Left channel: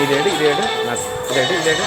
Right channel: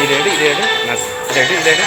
இது எடு இது எடு நான் இது எடு இது எடு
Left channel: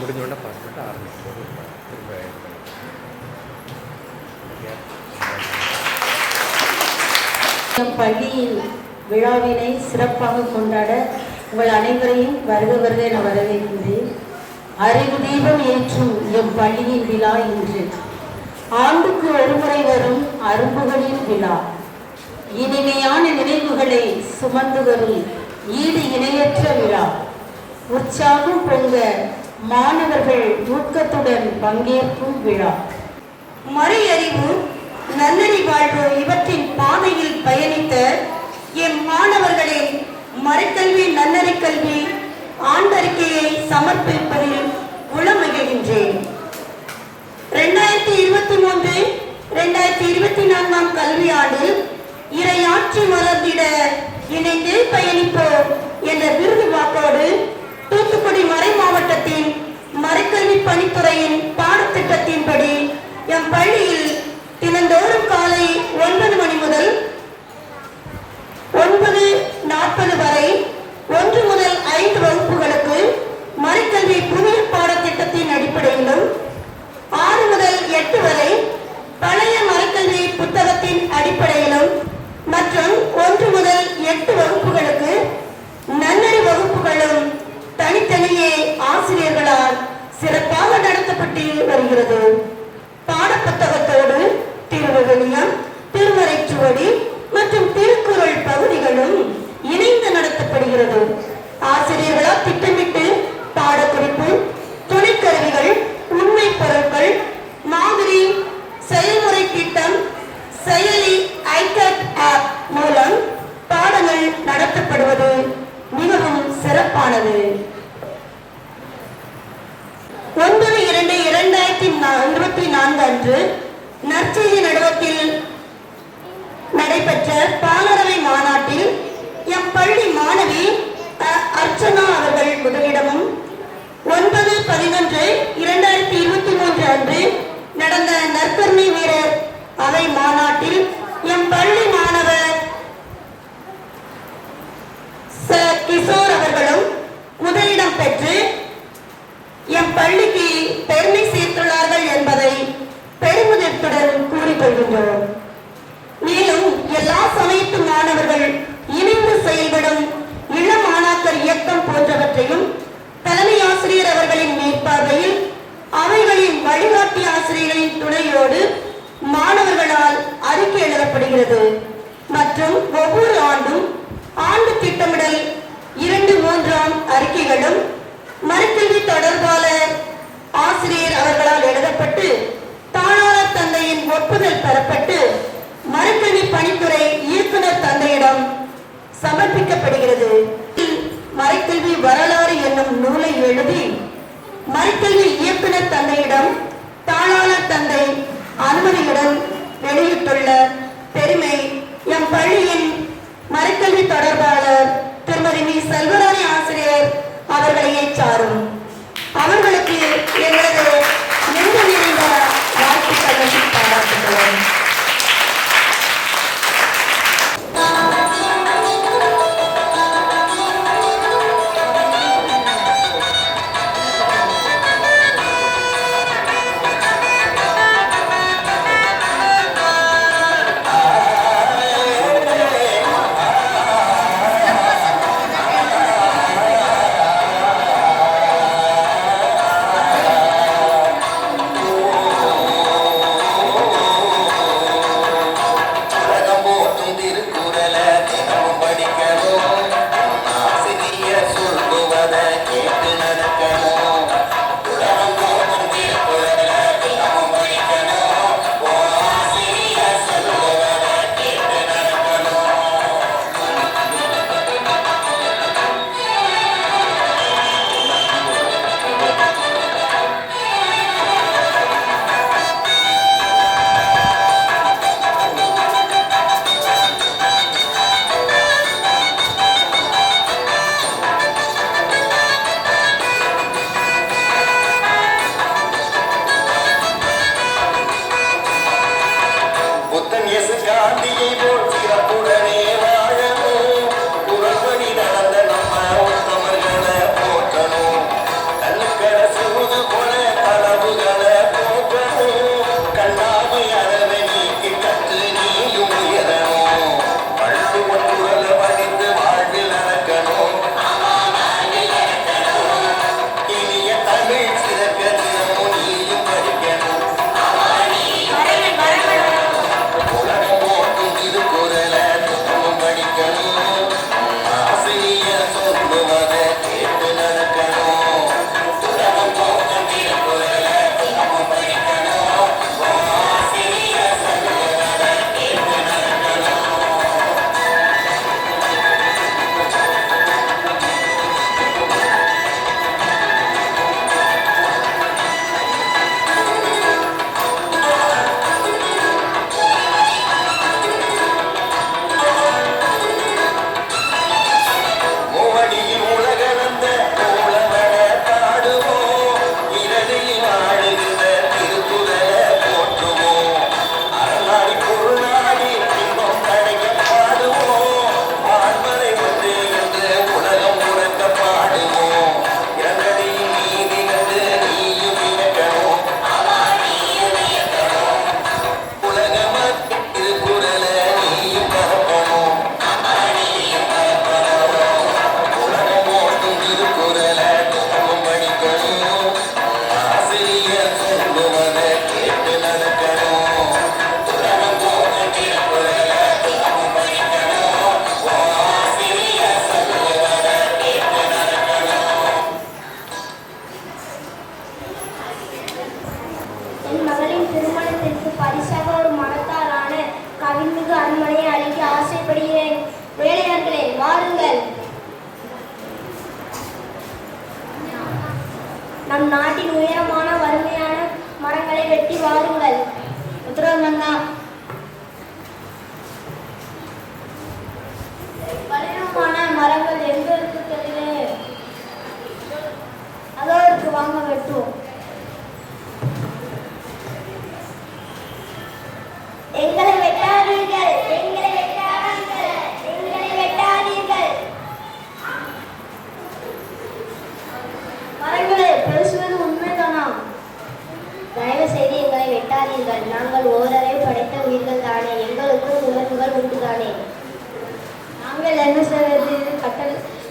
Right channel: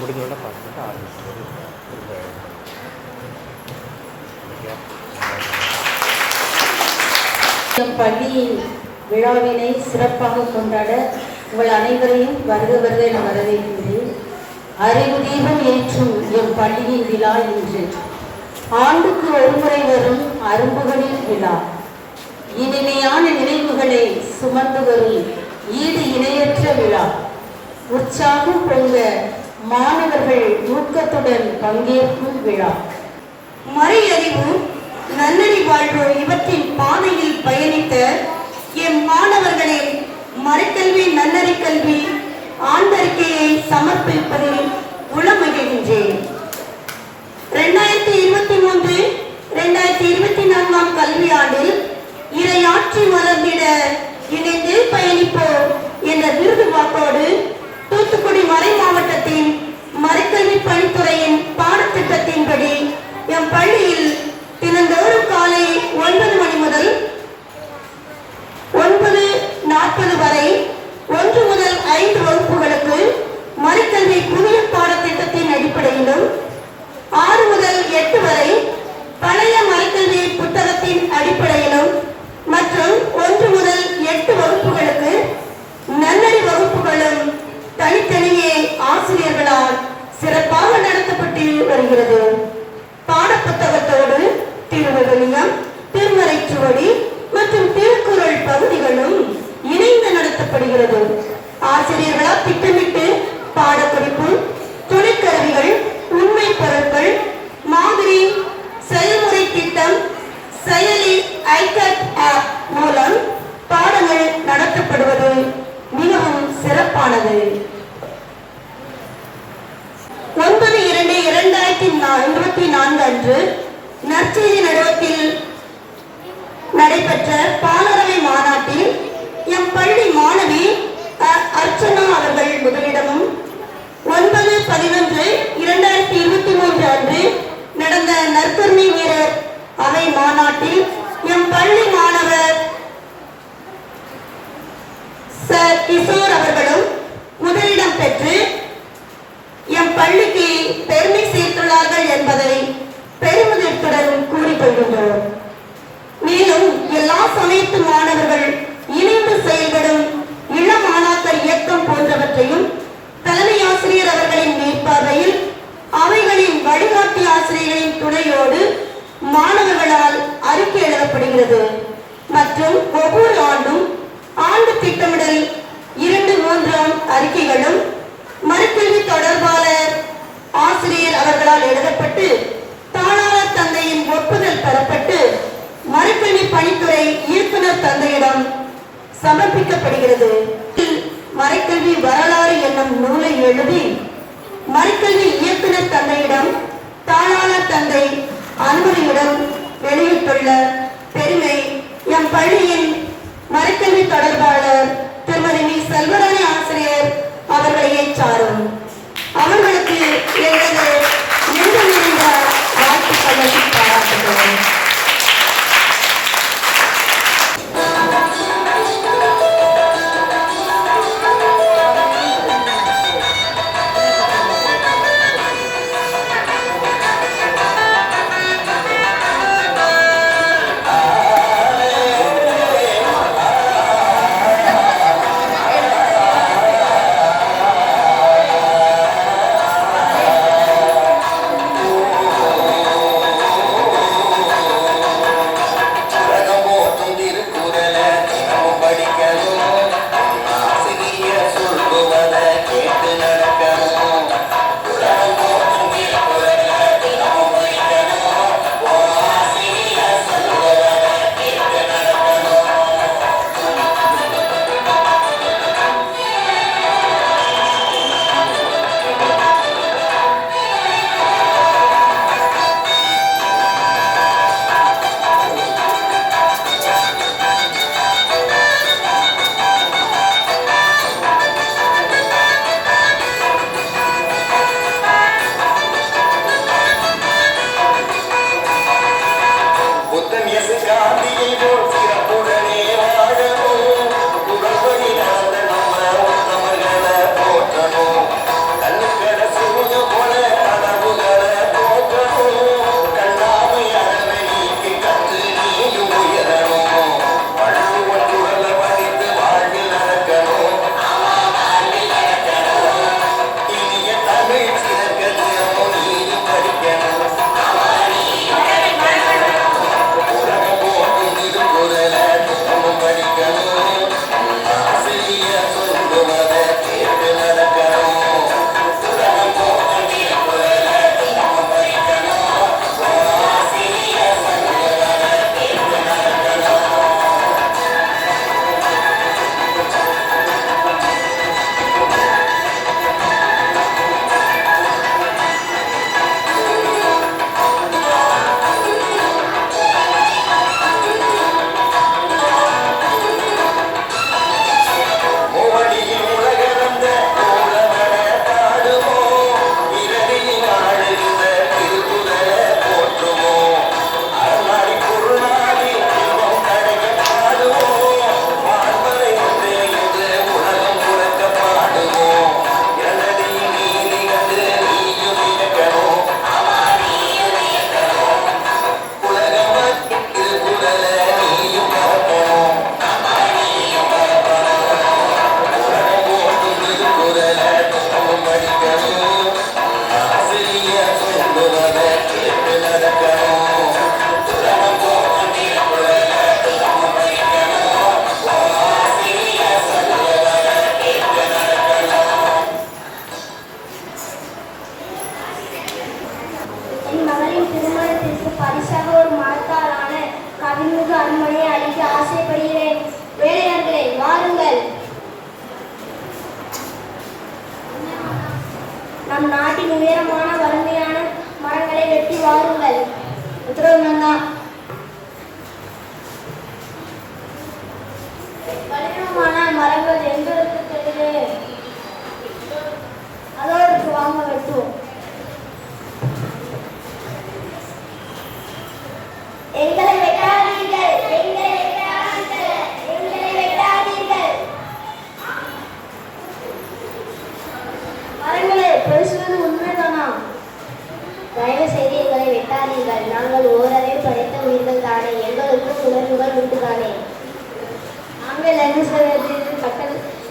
முடிஞ்சோடனே பாஸ் பண்ணிட்டு ஆரம்பிக்கும்போது திரும்ப பள்ளியில் விழாவினை சிறப்பாக கொண்டாட உங்கள் அனைவரையும் வருக வருக என வரவேற்கின்றேன். அறிவு தீபம் ஏற்றும் எம் பள்ளியின் விழா இன்று ஆண்டுக்கு ஒருமுறை வரும் அரும்புகளின் விழா. இனிமையான நினைவுகளை சுமந்து வரும் ஈடு இணையற்ற விழா. உற்சாகம் பொங்க மாணவர்கள் ஊக்கத்துடன் பங்கேற்கும் விழா. மறையறிவு நன்னறி வாழ்வு இவற்றின் பாதையில் பயணித்த எம் மாணவர்களின் மறைக்கல்வி நன்னறி கல்வி ஆண்டறிக்கையை சமர்ப்பிப்பதில் உளமகிழ்கின்றேன். 2023-2024 கல்வியாண்டில் இறையாட்சி மலர்ந்திட இணைந்து பயணிப்போம் என்ற விருது வாக்கோடு தூத்துக்குடி மறை மாவட்டத்தின் மறைக்கல்வி பணித்துறையின் பாடத்திட்டத்தின்படி எம் பள்ளியில் தினந்தோறும் காலை 9 மணி முதல் 9:40 வரை 1 முதல் 5 வகுப்புகளுக்கு மறைக்கல்வி புதிய பாடத்திட்டத்தின் அடிப்படையிலும் 6 முதல் 8 வரை பழைய மறைக்கல்வி புத்தகத்தின் அடிப்படையிலும் மற்றும் 1 முதல் 8 வகுப்புகளுக்கு நன்னறி வகுப்புகளும் தனித்தனியே ஆசிரியர்களால் சிறப்பாக நடத்தப்பட்டு வருகிறது. பாடப்புத்தகத்தோடு திருவிவிலியம், திருமறைச்சுவடி மற்றும் திருக்குறள் பகுதிகளும் இணைந்து நடத்தப்படுகிறது. ஆசிரியர்களால் திட்டமிட்டு பாடக்குறிப்பு, துணைக்கருவிகள், உண்மை பொருட்கள், மாதிரி, செயல்முறை திட்டம், செயலி, ஐகேட் ஆப் மூலம் பாடங்கள் நடத்தப்படுவது மிகவும் சிறப்பானது. 9/2/2024 அன்று நற்செய்தி நடுவத்தில் நடைபெற்ற பாலரவை மாநாட்டில் எம் பள்ளி மாணவி அர்ச்சனா அவர்கள் முதலிடமும் 9/11/2023 அன்று நடந்த நற்கருணை வீரர் அவை மாநாட்டில் எம் பள்ளி மாணவர் கிஷோர் அவர்களும் முதலிடம் பெற்று எம் பள்ளிக்கு பெருமை சேர்த்துள்ளார்கள் என்பதை பெருமிதத்துடன் கூறிக்கொள்கின்றோம். மேலும் எல்லா சமயத்து மாணவர்கள் இணைந்து செயல்படும் இளம் மாணாக்கர் இயக்கம் போன்றவற்றையும் தலைமை ஆசிரியர் அவர்களின் மேற்பார்வையில் அவைகளின் வழிகாட்டி ஆசிரியர்களின் துணையோடு மாணவர்களால் அறிக்கை எழுதப்படுகிறது. மற்றும் ஒவ்வொரு ஆண்டும் ஆண்டு திட்டமிடல் 2-3 அறிக்கைகளும் மறைக்கல்வி தொடர்பாளர் ஆசிரியர் அவர்களால் எழுதப்பட்டு தாளாளர் தந்தையின் ஒப்புதல் பெறப்பட்டு மறைக்கல்வி பணித்துறை இயக்குனர் தந்தையிடம் சமர்ப்பிக்கப்படுகிறது. மறைக்கல்வி வரலாறு என்னும் நூலை எழுதி மறைக்கல்வி இயக்குனர் தந்தையிடம் தாளாளர் தந்தை அனுமதியுடன்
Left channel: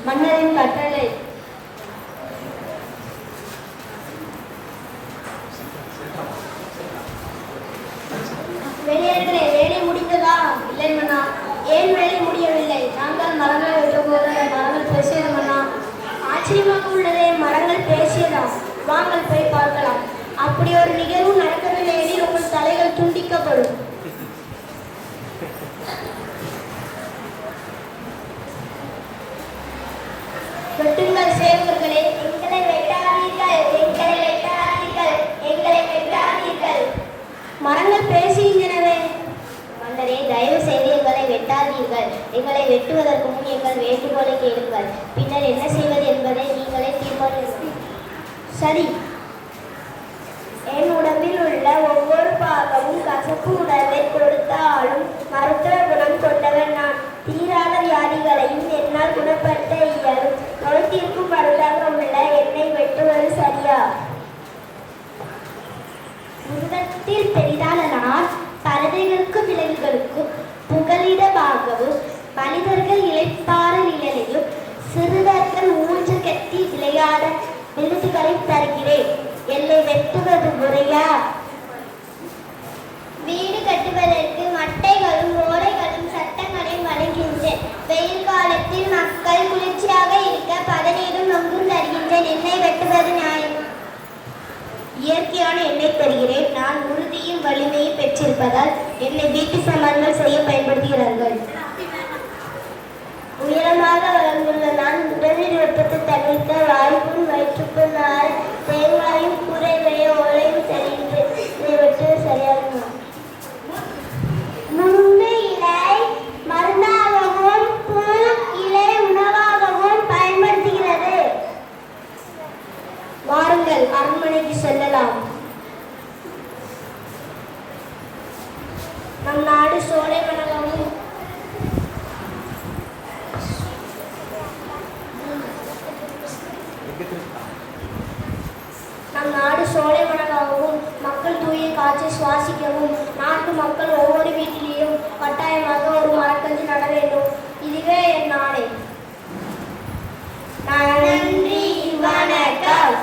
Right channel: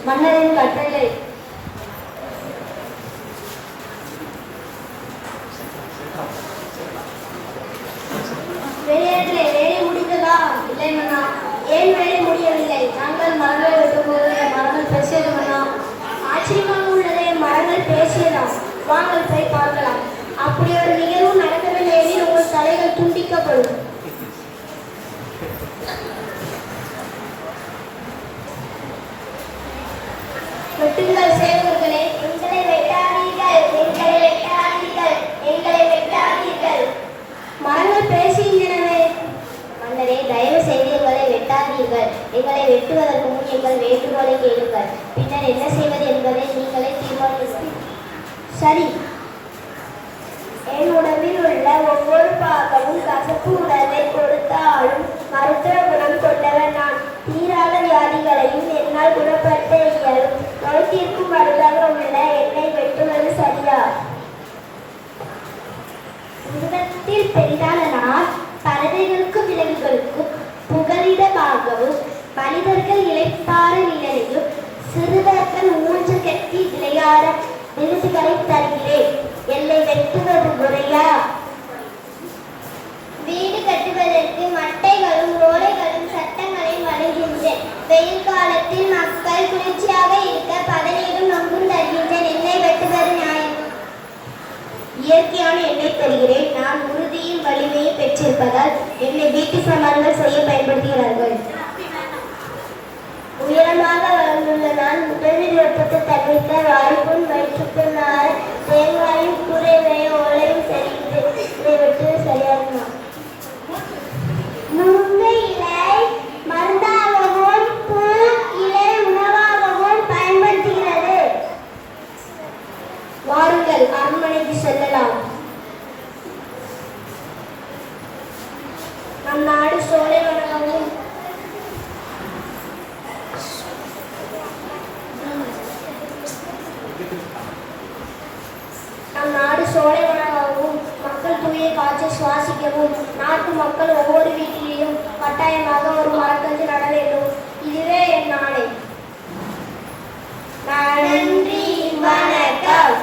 மன்னரின் கட்டளை. வெளியேறே வேலை முடிந்ததா? இல்லை மன்னா. ஏன் வேலை முடியவில்லை? நாங்கள் மரங்களை வெட்டும்போது மரங்கள் பேசியது மன்னா. ஆச்சரியமாக உள்ளதே, மரங்கள் பேசியதா? வாங்கள் போய் பார்க்கலாம். அப்படி ஒரு நிகழ்வும் நடக்கவில்லை எனில் உங்கள் தலைகள் துண்டிக்கப்படும். வெட்டுங்கள் சேவர்களே, எங்களை வெட்டாதீர்கள், எங்களை வெட்டாதீர்கள், எங்களை வெட்டாதீர்கள். மரங்கள் பேசுகின்றனவே. மன்னரே, தயவு செய்து எங்களை வெட்டாதீர்கள். எங்களை வெட்டுவதற்கு முன் எங்கள் வேண்டுகோளை கேளுங்கள். பின்னர் என்ன செய்வது என்பதை நீங்களே தீர்மானிங்கள். சரி. என் உடம்பில் உள்ள ஒவ்வொரு பாகமும் கசப்பு உணர்வை கொடுத்தாலும் மருத்துவ குணம் கொண்டவன் நான். தீராத வியாதிகளையும் என்னால் குணப்படுத்த இயலும். மருத்திற்கும் மருந்தாக உள்ள என்னை வெட்டுவது சரியா? உலகத்தில் பெரிதான நான் பறவைகளுக்கும் விலங்குகளுக்கும் புகலிடமாகவும் மனிதர்கள் இளைப்பாற நிழலையும் சிறுவர்கள் ஊன்று கட்டி விளையாட விருதுகளை தருகிறேன். எல்லை வெட்டுவது முறையா? வீடு கட்டுவதற்கு மட்டைகளும் ஓலைகளும் சட்டங்களையும் வழங்குகின்றேன். வெயில் காலத்தில் மக்கள் குளிர்ச்சியாக இருக்க பதநீரும் நொங்கும் தருகின்றேன். என்னை வெட்டுவது நியாயம். இயற்கையான எண்ணெய் தருகிறேன். நான் உறுதியும் வலிமையும் பெற்றிருப்பதால் என்னை வீட்டு சாமான்கள் செய்ய பயன்படுத்துகிறார்கள். உயரமாக வளர்ந்துள்ள நான் உடலில் வெப்பத்தை தவிர்க்க வாய்ப்பும் வயிற்றுக்குள் நார தேங்காயும் கூரை வேய ஓலையும் தருகின்றேன். இதை வெட்டுவது சரியாகுமா? நுங்கு இலை மருந்தாகவும் பூ இலை உணவாகவும் பயன்படுத்துகிறது. வாருங்கள், அரண்மனைக்கு செல்லலாம். நம் நாடு தூய காற்றை சுவாசிக்கவும் நாட்டு மக்கள் ஒவ்வொரு வீட்டிலும் கட்டாயமாக ஒரு மரக்கன்று நட வேண்டும். இதுவே என் நாளை. நன்றி, வணக்கம்.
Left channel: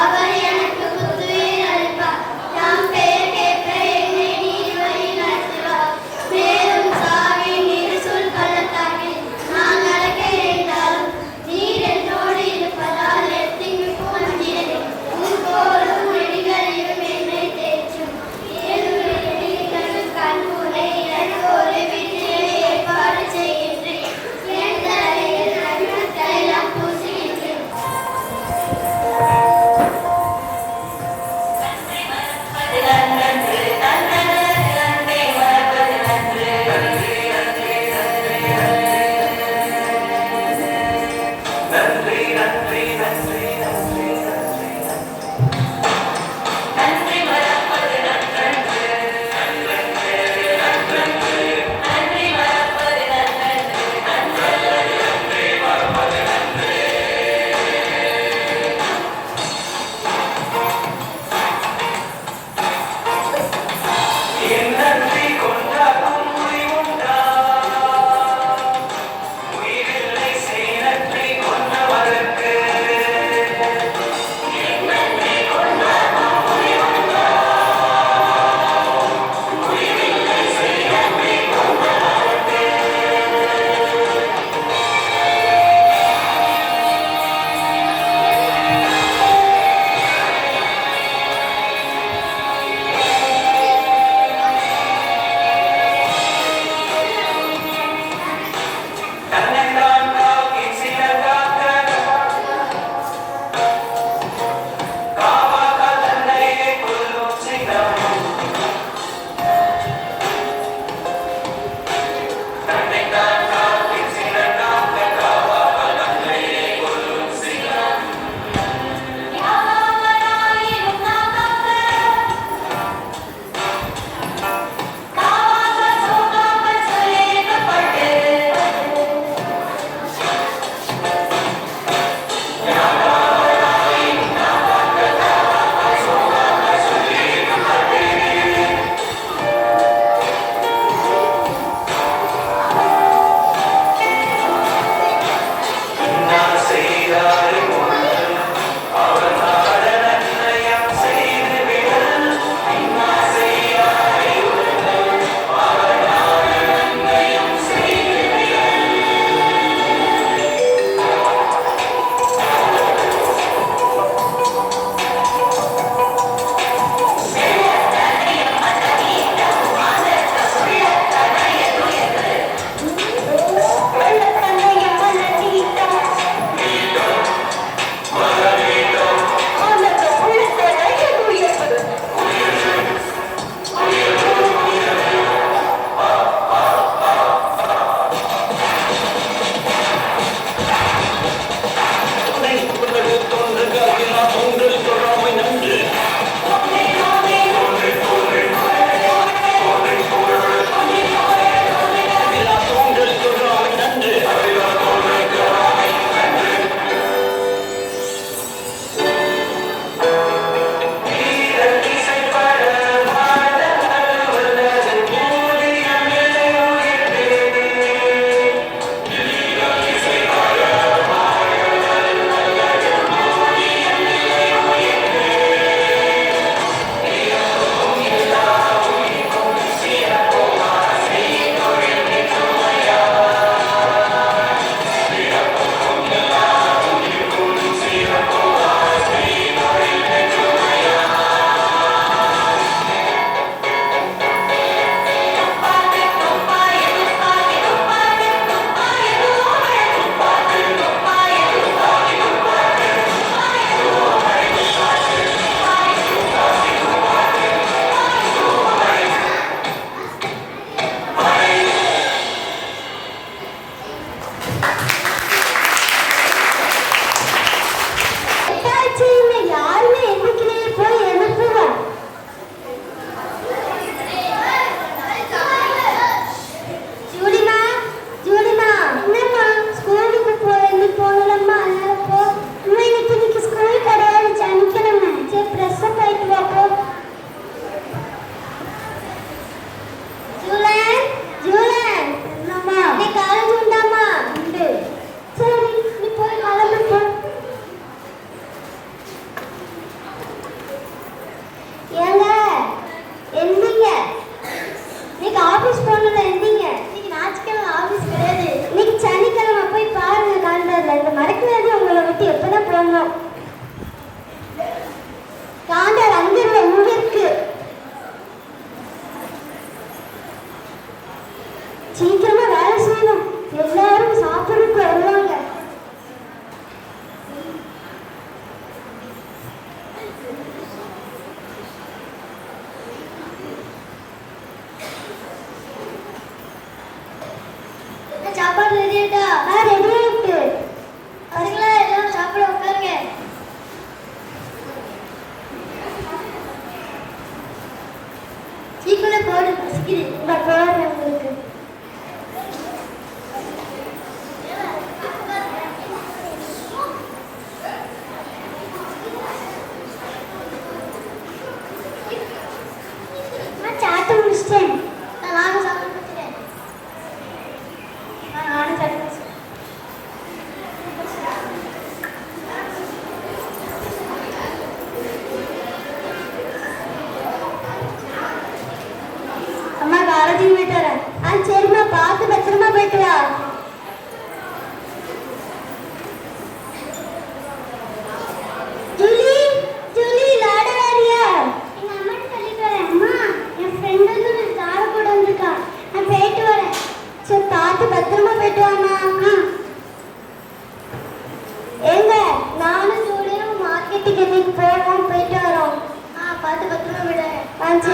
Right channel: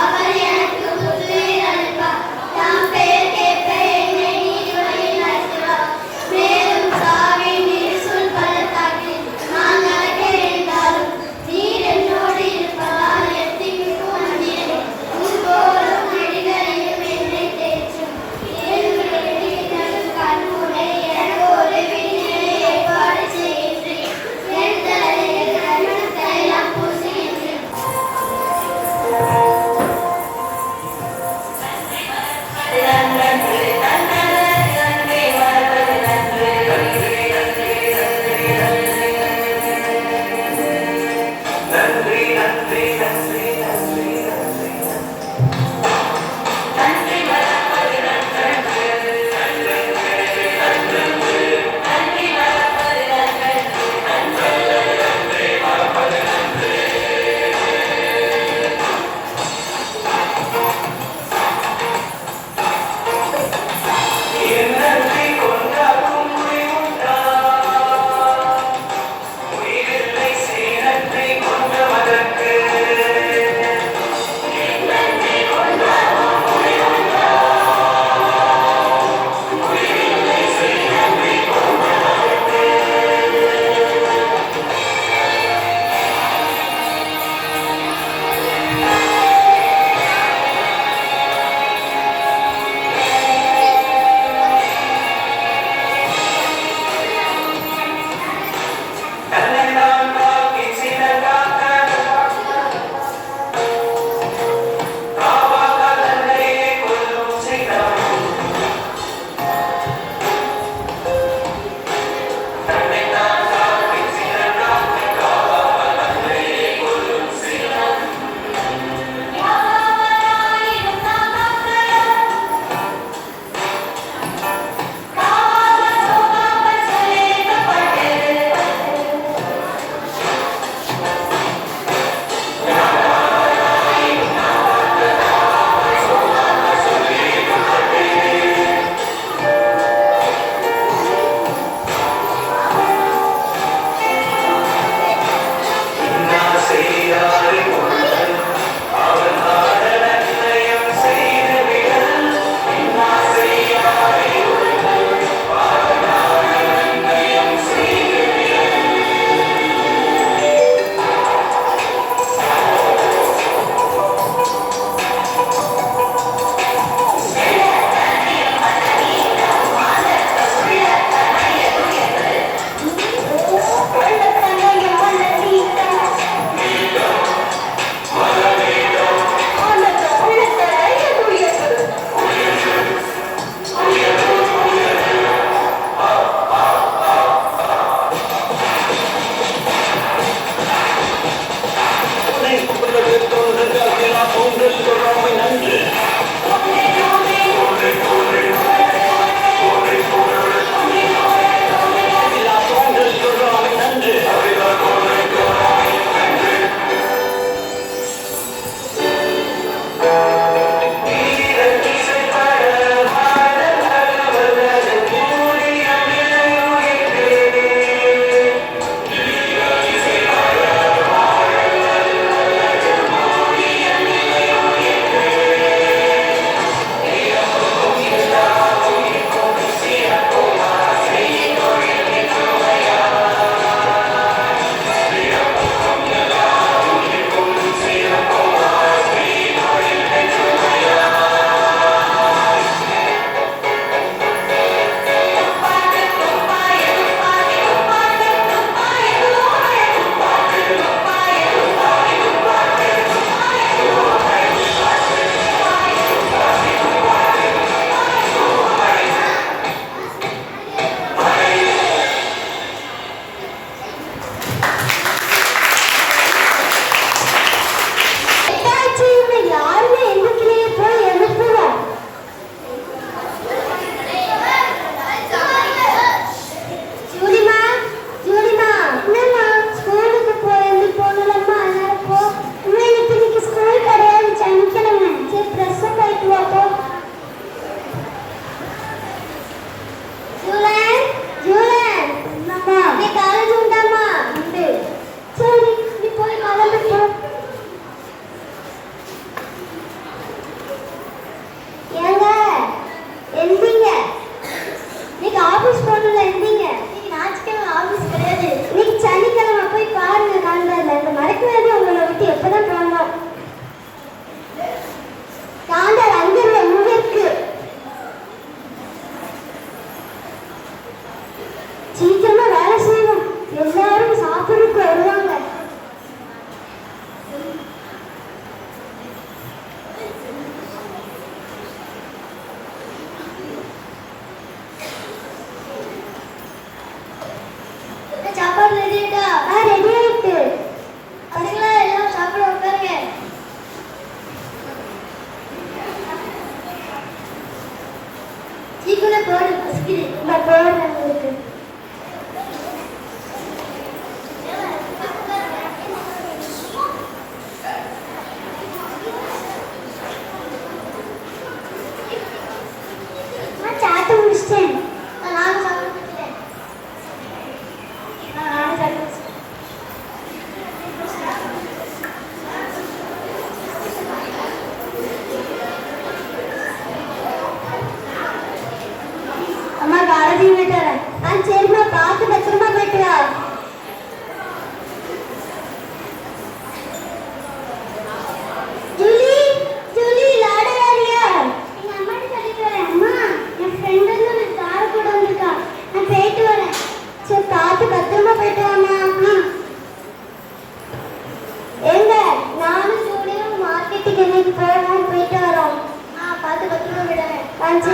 அவர்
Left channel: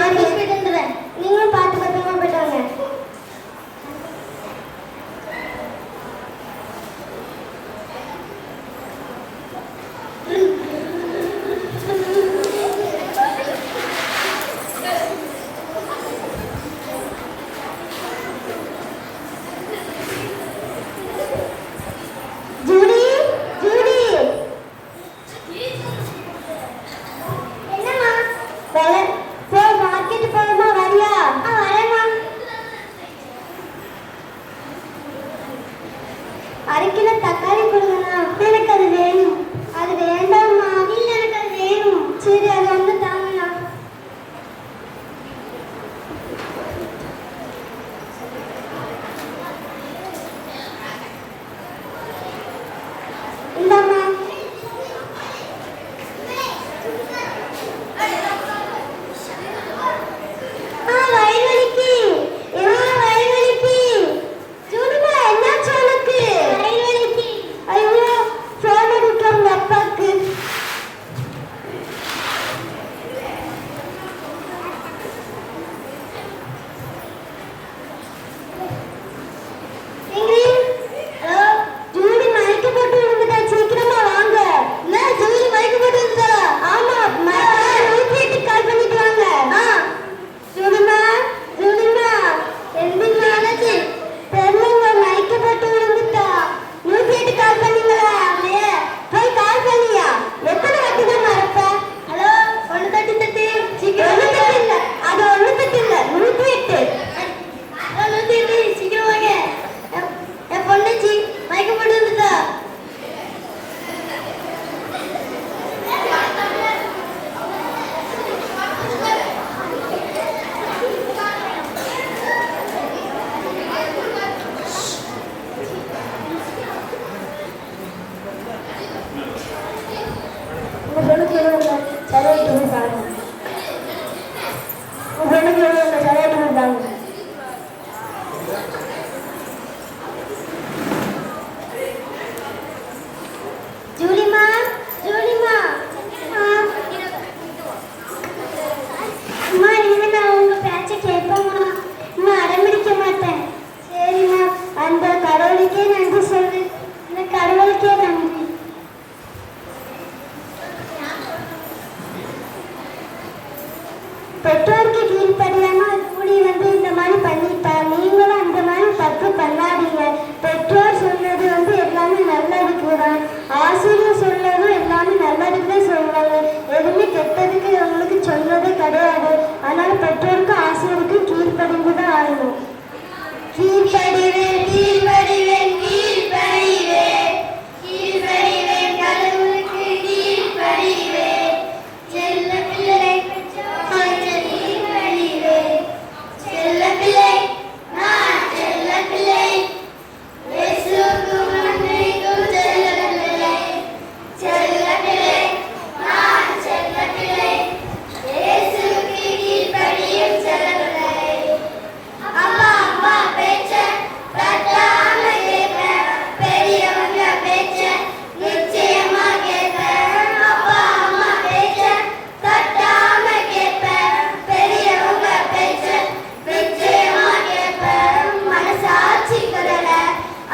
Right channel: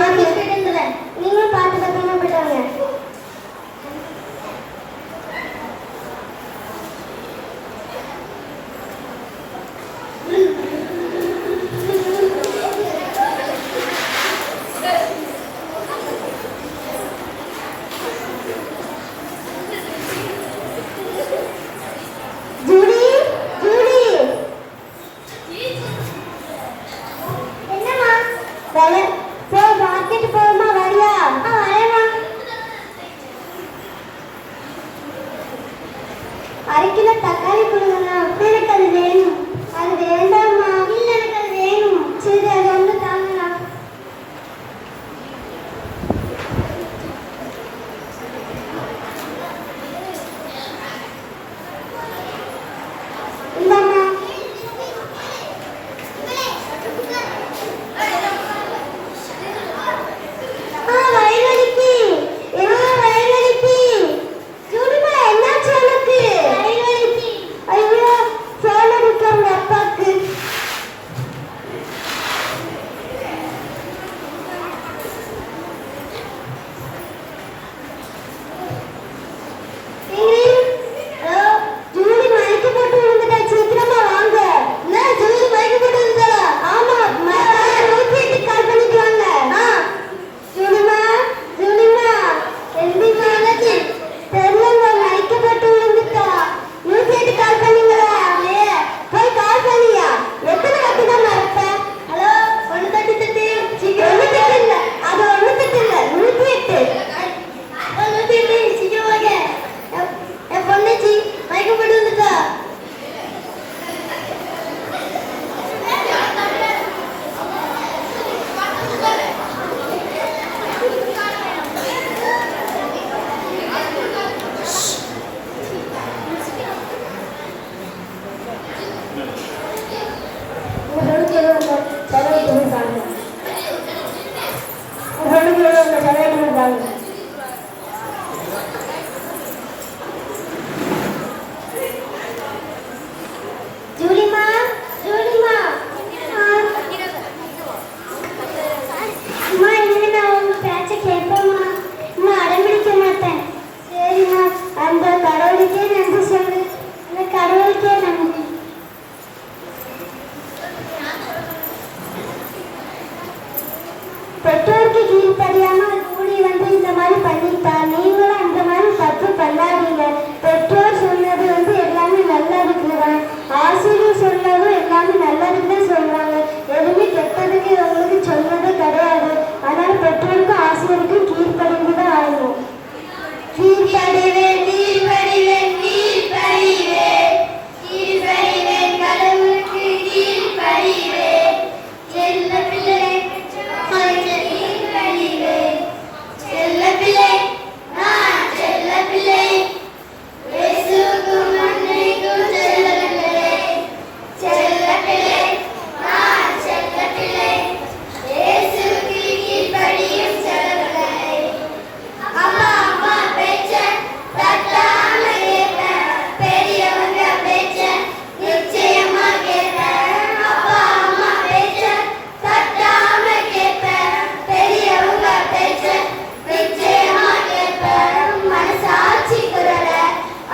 ஆஃபீஸ் போயிட்டு வந்துடுறேன். நீங்களும் பார்த்து பத்திரமா போயிட்டு வாங்க. Judy, Judy. என்னம்மா? போய் மார்க்கெட் போகணுமா, வரியா? வரேம்மா. அரை கிலோ தக்காளி கொடுங்கண்ணா. எனக்கு அது வேணும். அது வேண்டாம்மா. இல்லை, எனக்கு அது வேணும். சரி, அது வந்து தாங்கண்ணா. இந்தாம்மா. வயல்வெளிக்கு. வயல்வெளிக்கு. ஜூடிமா, என்னாச்சு உனக்கு? வயல்வெளிக்கு. ஐயோ, ஃபோன் அடிக்கிறாங்க அப்பாக்கு. ஜூடி மயக்க போட்டு விழுந்துட்டா, சீக்கிரமா வாங்க. என்ன, ஜூடி மயக்க போட்டு விழுந்தா? ஆமா, 108 கால் பண்ணிட்டு வாங்க. ஜூடிமா, ஜூடிமா, எந்திரிமா. என்னாச்சு? தெரியலங்க, மயக்க போட்டு விழுந்துட்டா. 108 கால் பண்ணீங்களா? போய் கால் பண்ணியா? எத்தனை வாட்டி தான் மறப்ப? ஹலோ, 138. சீக்கிரம். 138 இல்ல, அது 108 இல்ல, 108. 108, சீக்கிரம் வாங்க. என் பொண்ணாச்சி மயக்க போட்டு விழுந்துட்டா. ஜூலிமா, ஜூலிமா. அம்மா, இனிமே நான் உங்க பேச்சை கேட்பேம்மா. நான் அடம்பிடிக்க மாட்டேன். சரிம்மா, அந்த கடவுளுக்கே நன்றி சொல்லு. அந்த கடவுளுக்கே நன்றி. பெற்றோருக்கு கீழ்ப்படியாம கூடி வந்து இந்த மாதிரி பண்ணிட்டா, நீங்களும் அந்த மாதிரி தப்பு பண்ணாதீங்க. பெற்றோர் சொன்னது வந்து எல்லாமே நல்லதுக்கு தான். ஆசிரியர் சொன்னதும் எல்லாமே நல்லதுக்கு தான் சொல்றாங்க. எதுவுமே கெட்டதுக்கு உங்களுக்கு சொன்னதே கிடையாது. அதனால பெற்றோருக்கும் ஆசிரியருக்கும் கீழ்ப்படிந்து தான் ஆகணும். கீழ்ப்படிவேன், கீழ்ப்படிவேன், கீழ்ப்படிவேன், கீழ்ப்படிவேன், கடவுளுக்கு கீழ்ப்படிவேன். செல்ல பிள்ளை, செல்ல பிள்ளை, நான் செல்ல பிள்ளை. இயேசுவுக்கும் அன்னைக்கும் செல்ல பிள்ளை. செல்ல பிள்ளை, நான் செல்ல பிள்ளை. இயேசுவுக்கு கீழ்ப்படியும் செல்ல பிள்ளை. அம்மா, அம்மா பேச்ச தட்டாம கேட்பேன். பெரியவங்க பேச்ச நிச்சயமா கேட்பேன். அப்பா, அம்மா பேச்ச தட்டாம கேட்பேன். பெரியவங்க பேச்ச நிச்சயமா கேட்பேன். மனசாட்சி குரல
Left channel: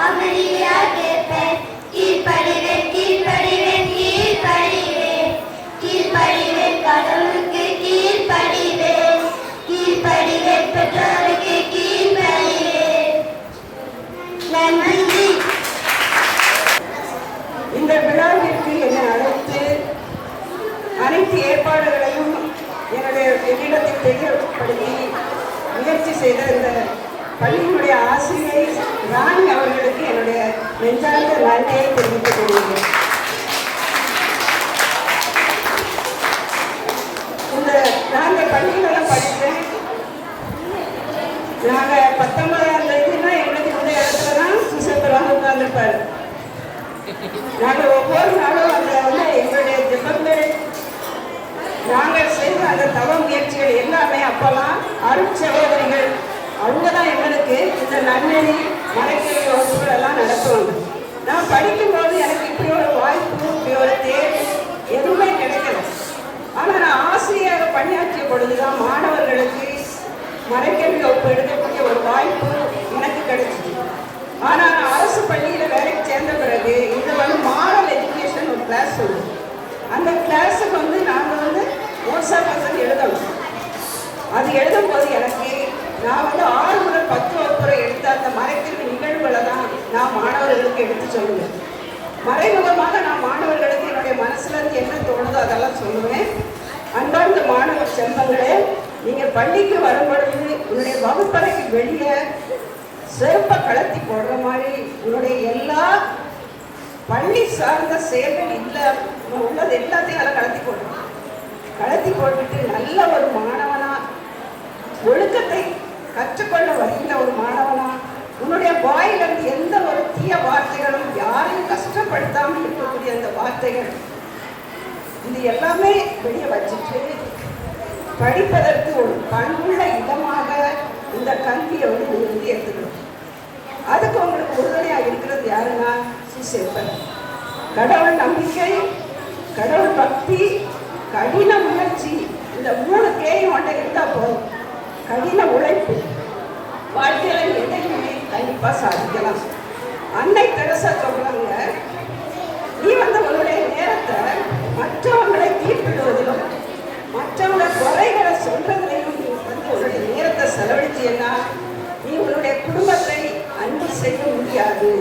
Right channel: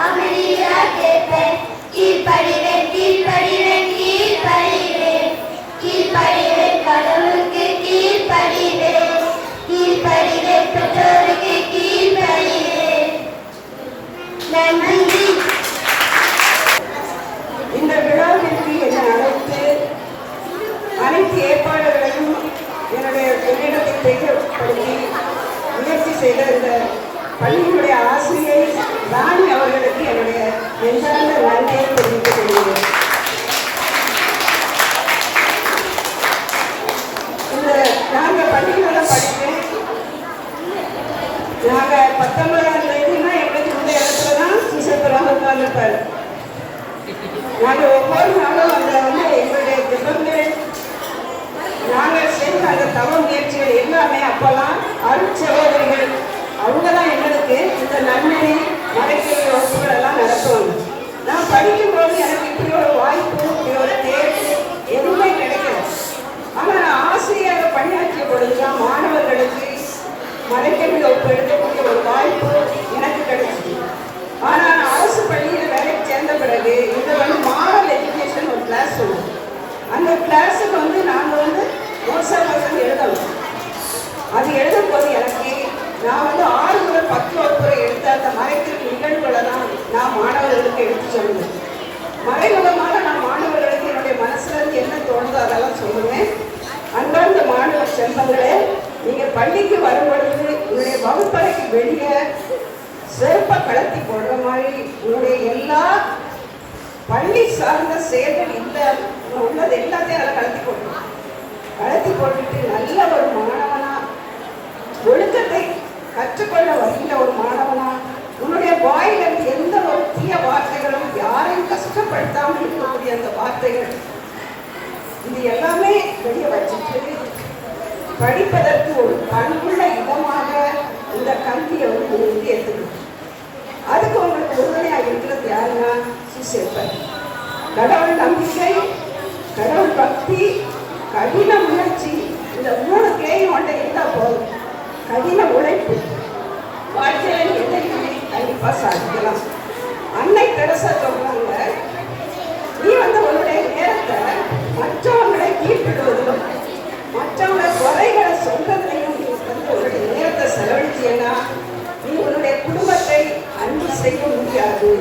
அமைதியா கேட்பேன். கீழ்ப்படிவேன், கீழ்ப்படிவேன், கீழ்ப்படிவேன், கீழ்ப்படிவேன், கடவுளுக்கு கீழ்ப்படிவேன். கீழ்ப்படிவேன், பெற்றோருக்கு கீழ்ப்படிவேன். நன்றி. இந்த விழாவிற்கு என்னை அழைத்து அனைத்து ஏற்பாடுகளையும் என்னிடத்தை தெரியப்படுத்தி முயற்சி செய்த இந்த பள்ளியினுடைய ஆசிரியர் ராணி அவர்களுக்கு என்னுடைய நெஞ்சார்ந்த நன்றியை தெரிவித்துக் கொள்கிறேன். இந்த நாங்கள் பள்ளிக்கூட படித்தேன். நாங்கள் 19ஆம் தேதினா எங்களுக்கு இந்த இடத்துல தான் சுசத்தராக உட்கார்ந்துருப்பார். நாங்கள் ஒவ்வொரு நாளும் அந்த வந்து எங்களுடைய ஜெபங்கள் நாங்கள் செய்த அந்த தவ முயற்சிகள் எல்லாமே அப்பெல்லாம் அருட்சகோதரிகள் அவங்க தான் எங்களுக்கு இந்த நன்னெறி மறைக்கிற வசதிகள் எல்லாம் நடத்தும். நான் படிக்கும்போது எனக்கு இப்படி ஒரு வாய்ப்பு, இப்படி ஒரு தேர்வு எதுவுமே கிடைக்கல. ஆனால் நான் ஆசிரியர் பணியாற்றிய பொழுதுதான் மாணவர்களை சொல்லுவேன். அன்றார்ந்த மாணவ செல்வங்களே, நீங்க பள்ளிக்கு வரும் பொழுது உங்களுடைய வகுப்பறைக்கு வெளியே சிறப்பை கலத்தி போடுற மாதிரி உங்களுடைய எல்லா பள்ளி சார்ந்த செயல்கள் இல்லை உள்ளது எல்லாத்தையும் அதை கலத்தி போடணும். கலத்தி போட்டுட்டு நல்ல ஒரு மாணவனா, ஒழுக்கத்தை கற்றுக்கொள்ள வருகின்ற ஒரு மாணவனா, உன்னுடைய வாயிலிருந்து எந்த ஒரு தீய வார்த்தைகளும் யாரையும் கஷ்டப்படுத்தாமல் இருக்கக்கூடிய அந்த வார்த்தைகள் இது எல்லாமே வெளியே வச்சுட்டு படிப்பதற்கு ஒரு பண்புள்ள இடமாக இந்த கல்வியை வந்து எடுத்துக்கணும். அதுக்கு உங்களுக்கு உறுதுணையாக இருக்கிறது யாருன்னா சுசேப்பர். கடவுள் நம்பிக்கை, கடவுள் பக்தி, கடின முயற்சி, இந்த 3 கேயும் ஒன்றை இருந்தால் போதும். கடின உழைப்பு வாழ்க்கையில எதையுமே கண்டிப்பாக சாதிக்கலாம். அன்னை தெரசா சொல்றாங்க, நீ வந்து உன்னுடைய நேரத்தை மற்றவங்களை தீர்ப்பிடுவதிலும் மற்றவங்க குறைகளை சொல்றதையும் நீ வந்து உன்னுடைய நேரத்தை செலவழிச்சீங்கன்னா நீ உன்னுடைய குடும்பத்தை அன்பு செய்ய முடியாது.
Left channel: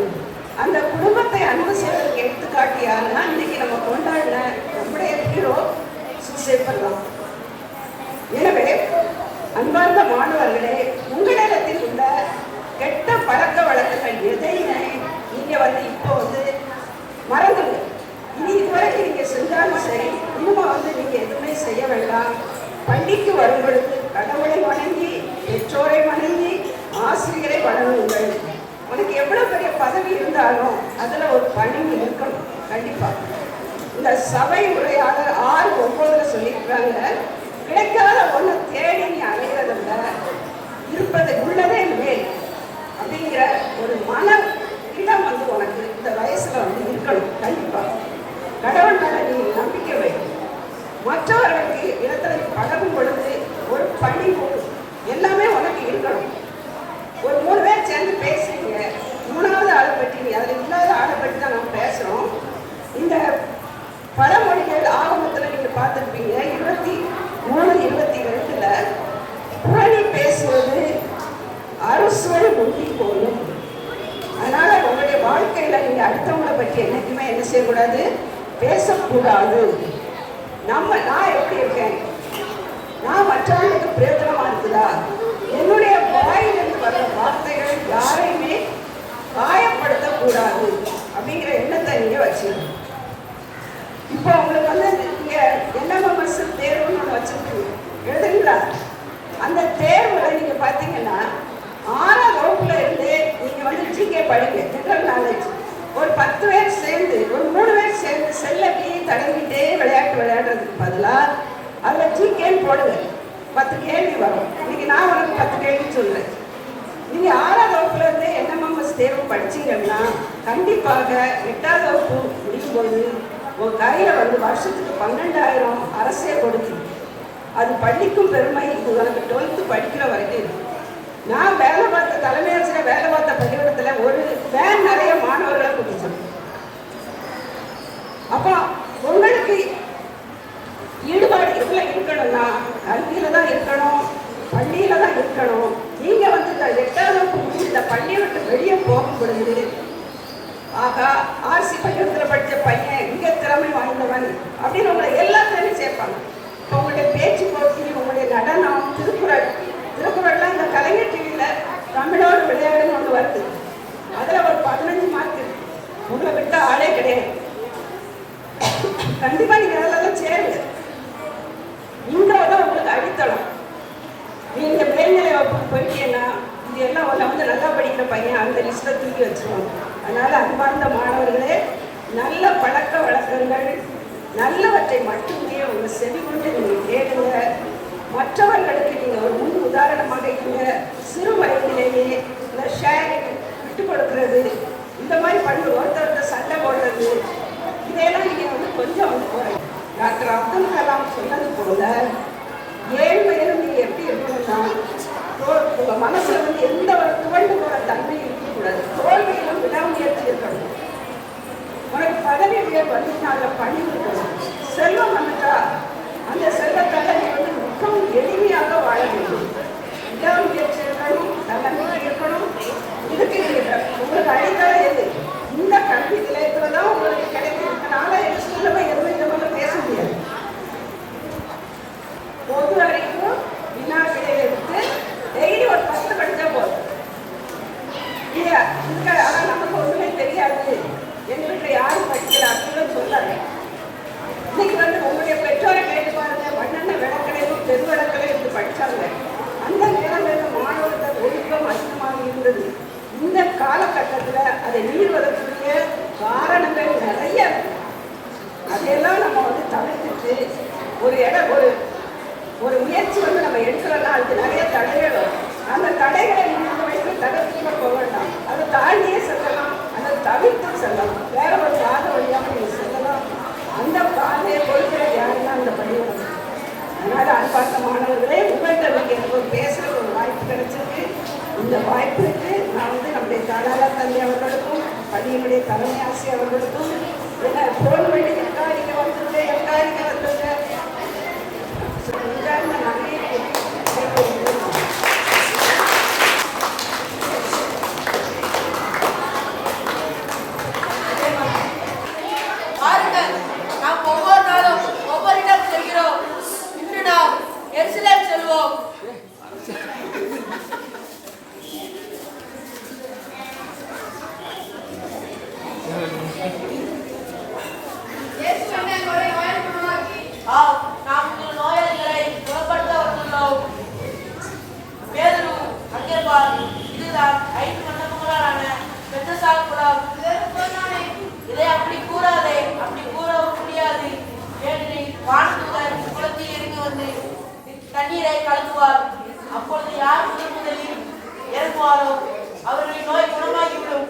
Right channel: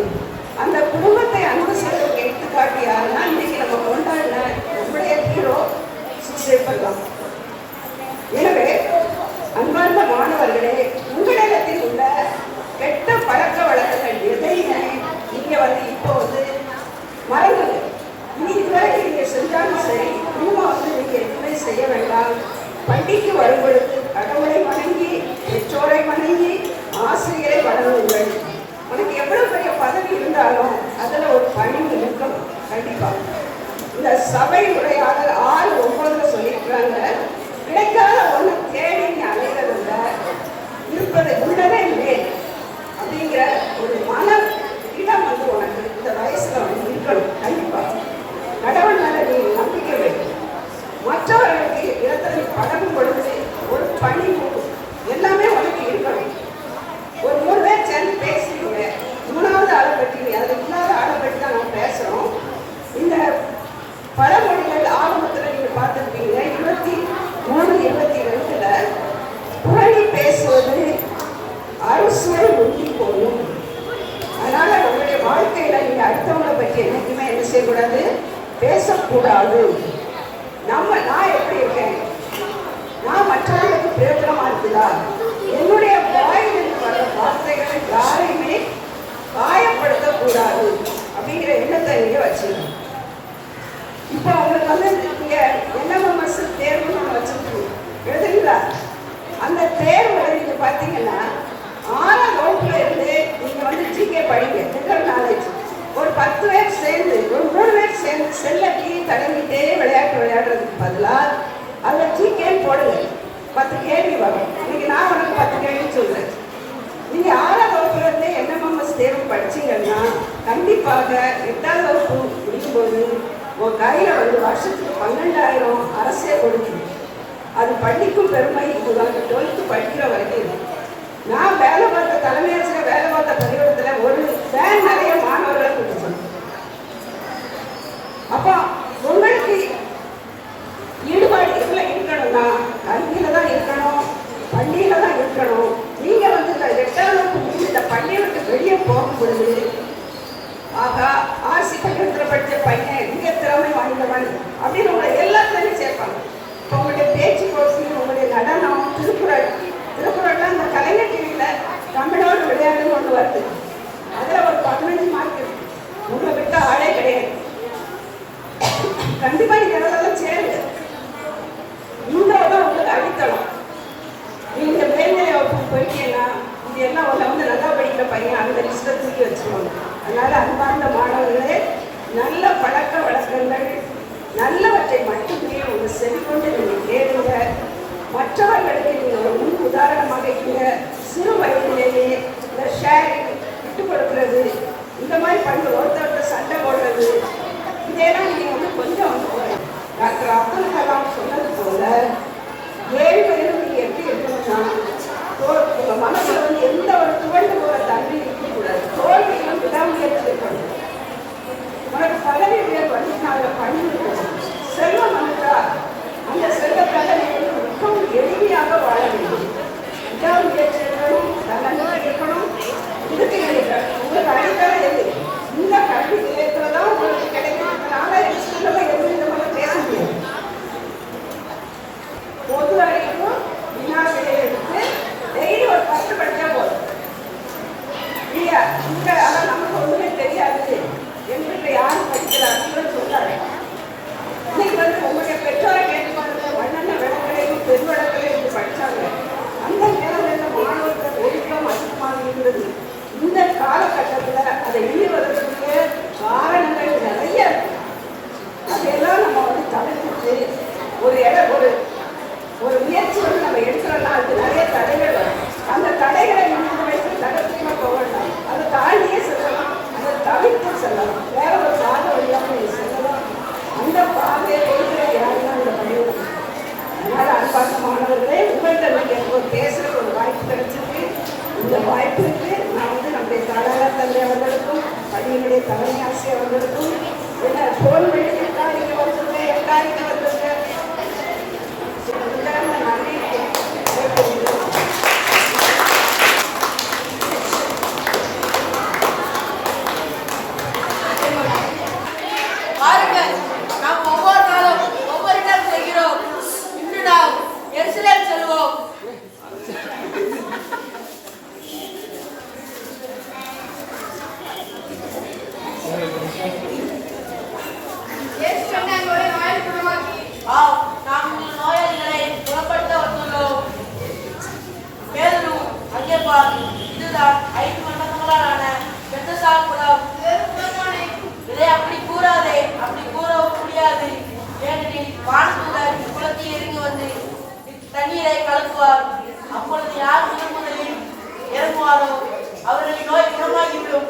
அந்த குடும்பத்தை அன்பு செய்வதற்கு எடுத்துக்காட்டி யாருன்னா இன்னைக்கு நம்ம கொண்டாடின நம்முடைய ஹீரோ சுசேப்பர்லாம். எனவே அன்பார்ந்த மாணவர்களே, உங்களிடத்தில் உள்ள கெட்ட பழக்க வழக்கங்கள் எதையுமே நீங்க வந்து இப்போ வந்து மறந்துங்க. இனி இதுவரை நீங்க செஞ்சாலும் சரி, இன்னும் வந்து நீங்க எதுவுமே செய்ய வேண்டாம். பள்ளிக்கு வரும்பொழுது கடவுளை வணங்கி, பெற்றோரை வணங்கி, ஆசிரியரை வணங்குங்கள். உனக்கு எவ்வளவு பெரிய பதவி இருந்தாலும் அதுல ஒரு பணிவு இருக்கணும். கண்டிப்பா இந்த சபை உரையாளர் 6:9 சொல்லியிருக்காங்க, கிடைக்காத ஒன்று தேடி நீ அலைகிறதில்ல, இருப்பதை உள்ளதே மேல் அப்படிங்கிற ஒரு மன இடம் வந்து உனக்கு இந்த வயசுல வந்து இருக்கணும். கண்டிப்பா கடவுள் மேல நீ நம்பிக்கை வைக்கணும். மற்றவர்களுக்கு இடத்துல பழகும் பொழுது ஒரு பணிவு எல்லாமே உனக்கு இருக்கணும். ஒரு 3 பேர் சேர்ந்து பேசுறீங்க, 3வது ஆளை பற்றி அதில் இன்னொரு ஆளை பற்றி தான் நம்ம பேசுறோம். இந்த பழமொழிகள் ஆரம்பத்தில் நீங்க பார்த்துருப்பீங்க. 23:22 புரணி பேசுவது அரசுவை முந்தி போகும். அதனால உங்களுடைய வாழ்க்கையில நீங்க அடுத்தவங்களை பற்றி என்னைக்குமே என்ன செய்யக்கூடாது, பேசக்கூடாது. நான் எப்படி இருக்கேன், நான் மற்றவர்களுக்கு பிரயோஜனமா இருக்குதா, என்னுடைய வாயிலிருந்து வர வார்த்தைகள் யாரையுமே காயப்படுத்தக்கூடாது அப்படிங்கிற எண்ணத்தை நீங்க வச்சுக்கணும். இப்போ உங்களுக்கு வந்து நீங்க NMMS தேர்வுன்னு ஒன்று வச்சுருக்கீங்க, எழுதுங்களா? அந்த தேர்வுல நீங்க பார்த்தீங்கன்னா 6ஆம் வகுப்புல இருந்தே நீங்க வந்து ஜிகே படிங்க, ஜெனரல் நாலேஜ். ஒரு 10 பேர் சேர்ந்து, ஒரு 3 பேர் சேர்ந்து செல்லக்கி தடவிட்டே விளையாட்டு விளையாடுறதுக்கு பதிலாக அதில் ஜிகேன்னு போடுங்க. 10 கேள்வி வரும். இன்னைக்கு நான் உங்களுக்கு 10 கேள்வி சொல்றேன். நீங்க 6ஆம் வகுப்புல இருந்தே NMMS தேர்வு படிச்சீங்கன்னா கண்டிப்பாக 8ஆம் வகுப்பு முடிக்கும்போது உன் கையில வந்து வருஷத்துக்கு 12,000 அரசே கொடுக்குது. அது படிக்கும் பெருமை. இது வந்து 12th படிக்கிற வரைக்கும். நான் வேலை பார்த்த தலைமை ஆசிரியர் வேலை பார்த்த பள்ளிக்கூடத்தில் ஒரு வேன் நிறைய மாணவர்களை கொடுத்தோம். அப்போ உங்களுக்கு ஈடுபாடு எதுல இருக்கணும்னா கல்வியில தான் இருக்கணும், பள்ளியில தான் இருக்கணும். நீங்க வந்து 8ஆம் வகுப்பு இந்த பள்ளியை விட்டு வெளியே போகும் பொழுது ஆகா ஆர்சி பள்ளிக்கூடத்தில் படித்த பையன் மிக திறமை வாய்ந்தவன் அப்படின்னு உங்களை எல்லாத்துலையும் சேர்ப்பாங்க. இப்போ உங்களுடைய பேச்சு போட்டி, உங்களுடைய நடனம், திருக்குறள்லாம் அந்த கலைஞர் டிவியில் தமிழோடு விளையாடுன்னு ஒன்று வருது. அதில் ஒரு 15 மார்க் உங்களை விட்ட ஆளே கிடையாது. கண்டிப்பா நீங்க அதெல்லாம் சேருங்க. இந்த உங்களுக்கு அடித்தளம். நீங்க மேல்நிலை வகுப்புக்கு போயிட்டீங்கன்னா இது எல்லாம் ஒரு வந்து நல்லா படிக்கிற பையன் அந்த லிஸ்ட்டை தூக்கி வச்சுக்கணும். அதனால அன்பார்ந்த மாணவர்களே, நல்ல பழக்க வழக்கங்கள் நல்லவற்றை மட்டுமே உங்க செவி கொண்டு நீங்க கேளுங்க. மற்றவர்களுக்கு நீங்க ஒரு முன் உதாரணமாக இருங்க. சிறு வயதிலேயே இந்த ஷேரிங் விட்டு கொடுக்கறது, இந்த மாதிரி பண்ணி ஒருத்தர் சண்டை போடுறது, இதெல்லாம் நீங்க வந்து கொஞ்சம் போறேன். டாக்டர் அப்துல் கலாம் சொன்னது போல 7 வயது நீங்க எப்படி இருக்கணும்னா உங்க மனசுல வந்து எந்த ஒரு துவண்டு போற தன்மை இருக்கக்கூடாது. தோல்வியிலும் விடாமுயற்சி இருக்கணும். உனக்கு பதவி உயர்வு வந்துட்டாங்க பண்ணிருக்கணும். செல்வம் வந்துட்டா அந்த செல்வத்தால நீ வந்து மிகவும் எளிமையாக வாழ வேண்டும். விடாமுயற்சி இருக்கணும், நல்ல இருக்கணும். இதுக்கு உங்களுக்கு அடிப்படை எது? இந்த கல்வி நிலையத்துல தான் உங்களுக்கு கிடைக்கிறதுனால எக்ஸ்ட்ரா எதுவுமே இந்த பேச முடியாது. ஒரு இடம் ஒரு முயற்சி வந்து நம்ம எடுக்கிறோம்னா அதுக்கு நிறைய தடைகள் வரும். அந்த தடைகளை நம்ம வைத்து தடத்துக்குள்ள போகலாம். அதை தாண்டியே செல்லலாம், அதை தவிர்த்து செல்லலாம், வேற ஒரு பாதை வழியாக நீ செல்லலாம். அந்த பாதையை கொடுக்கிற யாருன்னா அந்த பையன். அதனால அன்பாசமானவர்களே, உங்கள்கிட்ட எனக்கு ஒரு பேசுகிற ஒரு வாய்ப்பு கிடைச்சிருக்கு. இந்த வாய்ப்புக்கு நான் வந்து நம்முடைய தாராள தந்தை அவர்களுக்கும் பதினுடைய தலைமை ஆசிரியர் அவர்களுக்கும் என்ன போன வேண்டிய எல்லாருங்க வந்துருங்க, எல்லாருங்க வந்துருங்க. பாருங்கள், நாம் ஒவ்வொரு நாளும் ஒவ்வொரு இடம் செல்கிறோம். இன்று நாம் எருசலேம் செல்வோம். ஆம், நாம் உங்கள் நோயாளிகளை குணப்படுத்த வந்துள்ளோம். பேதுரு, அங்கே பார், இதுதான் 5 மண்டபங்களாலான பெத்தசாகுடம். இதை அப்படி கூறாதே, அப்படி கூறவும் முடியாது. ஏனெனில் வானதூதர் குளத்தில் இறங்கி வந்து தண்ணீரை கலக்குவார். அப்பொழுது யார் முதலில் இறங்குவாரோ அவர்களின் நோய் குணமாகிவிடும்.